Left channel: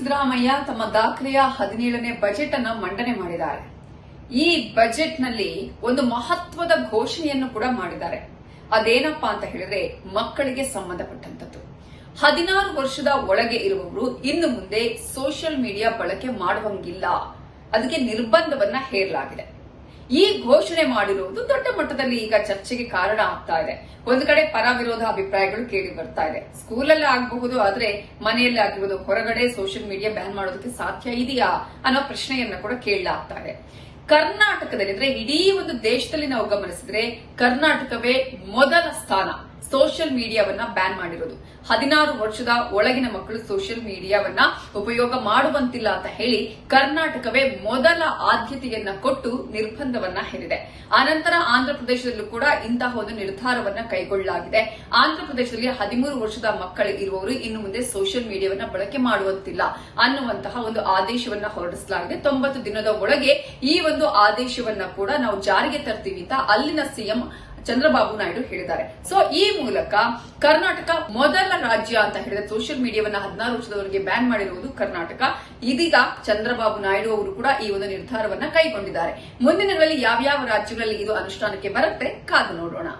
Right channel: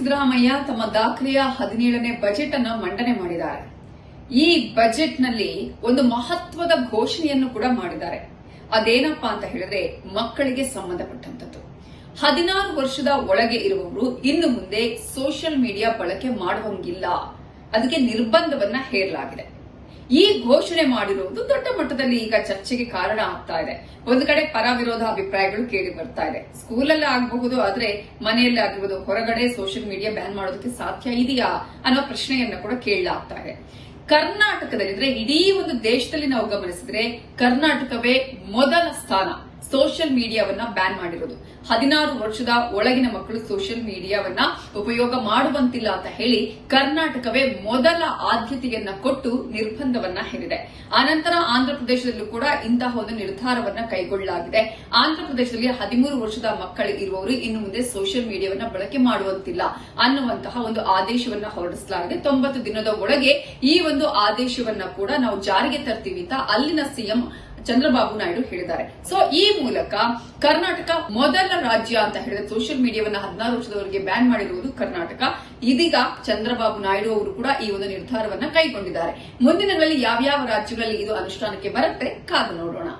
ಸಿದ್ದರಾಮಯ್ಯ ತಮ್ಮ ದಾಖಲೆಯ 17ನೇ ಬಜೆಟ್ ಅನ್ನು ಮಂಡನೆ ಮಾಡಿದ್ದಾರೆ. ಈ ಬಜೆಟ್ ನಲ್ಲಿ ಒಂದು ಮಹತ್ವದ ಘೋಷಣೆಯನ್ನು ಕೂಡ ಮಾಡಿದ್ದಾರೆ. ಅದೇನಪ್ಪಾ ಅಂತ ಹೇಳಿದ್ರೆ ಮಕ್ಕಳಿಗೆ ಸಂಬಂಧಪಟ್ಟಂತದ್ದು. 16 ವರ್ಷದ ಒಳಗೆ ಇರುವವರು ಇನ್ನು ಮುಂದೆ ಸೋಷಿಯಲ್ ಮೀಡಿಯಾ ಬಳಕೆ ಮಾಡುವಂಗಿಲ್ಲ, ಅದಕ್ಕೆ ನಿರ್ಬಂಧವನ್ನ ಹೇರಲಾಗಿದೆ. ಈ ಘೋಷಣೆ ಮಾಡಿರುವುದು ದೊಡ್ಡ ಮಟ್ಟದಲ್ಲಿ ಈಗ ಚರ್ಚೆಗೆ ಕಾರಣ ಆಗ್ತಾ ಇದೆ. ಒಂದು ಕಡೆ ಪರ ವಿರೋಧ ಅಭಿಪ್ರಾಯಗಳು ಕೇಳಿ ಬರ್ತಾ ಇದೆ. ಸ್ಕೂಲಲ್ಲಿ ಆಗಬಹುದು, ಆದ್ರೆ ಮನೆಯಲ್ಲಿ ಆಗಬಹುದು, ಹೊರಗಡೆ ಸೋಷಿಯಲ್ ಮೀಡಿಯಾ ಬ್ಯಾನ್ ಮಾಡೋದಕ್ಕೆ ಸಾಧ್ಯ ಇದೆಯಾ ಅನ್ನೋ ಪ್ರಶ್ನೆಯನ್ನ ಕೂಡ ಕೇಳಲಾಗ್ತಾ ಇದೆ. ಕರ್ನಾಟಕದಲ್ಲಿ ಅಂದ್ರೆ ಇಡೀ ಒಂದು ದೇಶದಲ್ಲಿ ನಾವು ಗಮನಿಸಿದ್ರೆ ಕರ್ನಾಟಕವೇ ಮೊದಲ ಸ್ಥಾನ ಸೋಷಿಯಲ್ ಮೀಡಿಯಾವನ್ನ ಬ್ಯಾನ್ ಮಾಡಿರೋದು. 16 ವರ್ಷದ ಒಳಗಿನ ಮಕ್ಕಳು ಸೋಷಿಯಲ್ ಮೀಡಿಯಾವನ್ನ ಉಪಯೋಗ ಮಾಡುವಂತಿಲ್ಲ ಅಂತ ಹೇಳಿ ಕರ್ನಾಟಕವೇ ಮೊದಲ ಆದ್ಯತೆಯನ್ನ ಕೊಟ್ಟು ನಿರ್ಬಂಧವನ್ನ ಹೇರಿದೆ. ಆನಂತರ ಆಂಧ್ರಪ್ರದೇಶದಲ್ಲೂ ಕೂಡ ಇಂತಹ ಒಂದು ನಿರ್ಧಾರವನ್ನ ಕೈಗೊಳ್ಳಲಾಗಿದೆ. ಆಂಧ್ರಪ್ರದೇಶದಲ್ಲಿ 13 ವರ್ಷದ ಮಕ್ಕಳು ಇರುವವರು ಇನ್ನು ಮುಂದೆ ಸೋಷಿಯಲ್ ಮೀಡಿಯಾವನ್ನ ಬಳಕೆ ಮಾಡುವಂತಿಲ್ಲ ಅನ್ನುವಂತಹ ಒಂದು ಆದೇಶವನ್ನ ಹೊರಡಿಸಲಾಗಿದೆ. 90 ದಿನದ ಒಳಗೆ ಈ ಒಂದು ಆದೇಶವನ್ನ ಕೂಡ ನಾವು ಜಾರಿಗೆ ತರ್ತೀವಿ ಅಂತ ಅಲ್ಲಿನ ಸಿಎಂ ಚಂದ್ರಬಾಬು ನಾಯ್ಡು ಹೇಳಿದ್ದಾರೆ. ಸೊ ಈ ಮೂಲಕ ಕರ್ನಾಟಕ ಮೊದಲ ರಾಜ್ಯ ಅಂತ ಹೇಳಿದ್ರೆ ಸೋಷಿಯಲ್ ಮೀಡಿಯಾವನ್ನ 16 ವರ್ಷದವರೆಗೆ ಬ್ಯಾನ್ ಮಾಡಿರುವುದು ಕರ್ನಾಟಕ. ಇದೀಗ ಚಂದ್ರಬಾಬು ನಾಯ್ಡು ಅವರು ಕೂಡ ಈ ಒಂದು ನಿರ್ಧಾರವನ್ನ ಕೈಗೊಂಡಿದ್ದಾರೆ. ಮುಂದಿನ ದಿನಗಳಲ್ಲಿ ಯಾವ್ಯಾವ ರಾಜ್ಯಗಳಲ್ಲಿ ಇದು ಅನುಷ್ಠಾನಕ್ಕೆ ಬರುತ್ತೆ ಕಾದು ನೋಡೋಣ.